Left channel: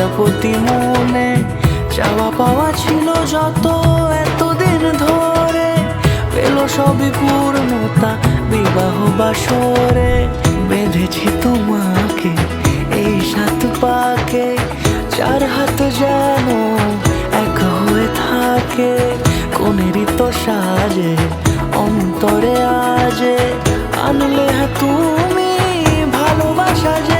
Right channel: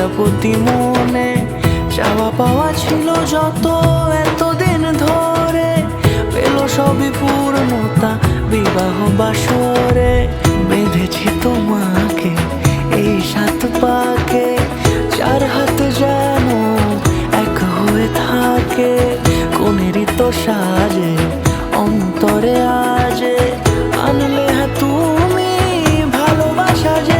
প্রজাপতি মনে চাওয়া পাওয়া ছিল যত এতদিন ধরে, পেল সবই পূর্ণতা বিবাহ বাসরে। বেঁধেছি তোমাকে এই 7 পাকে, 4 হাত যেন এক হয়ে থাকে। কোনেরই তো সাজে অন্তরে আজে আনলে তুমি ভালোবাসা যে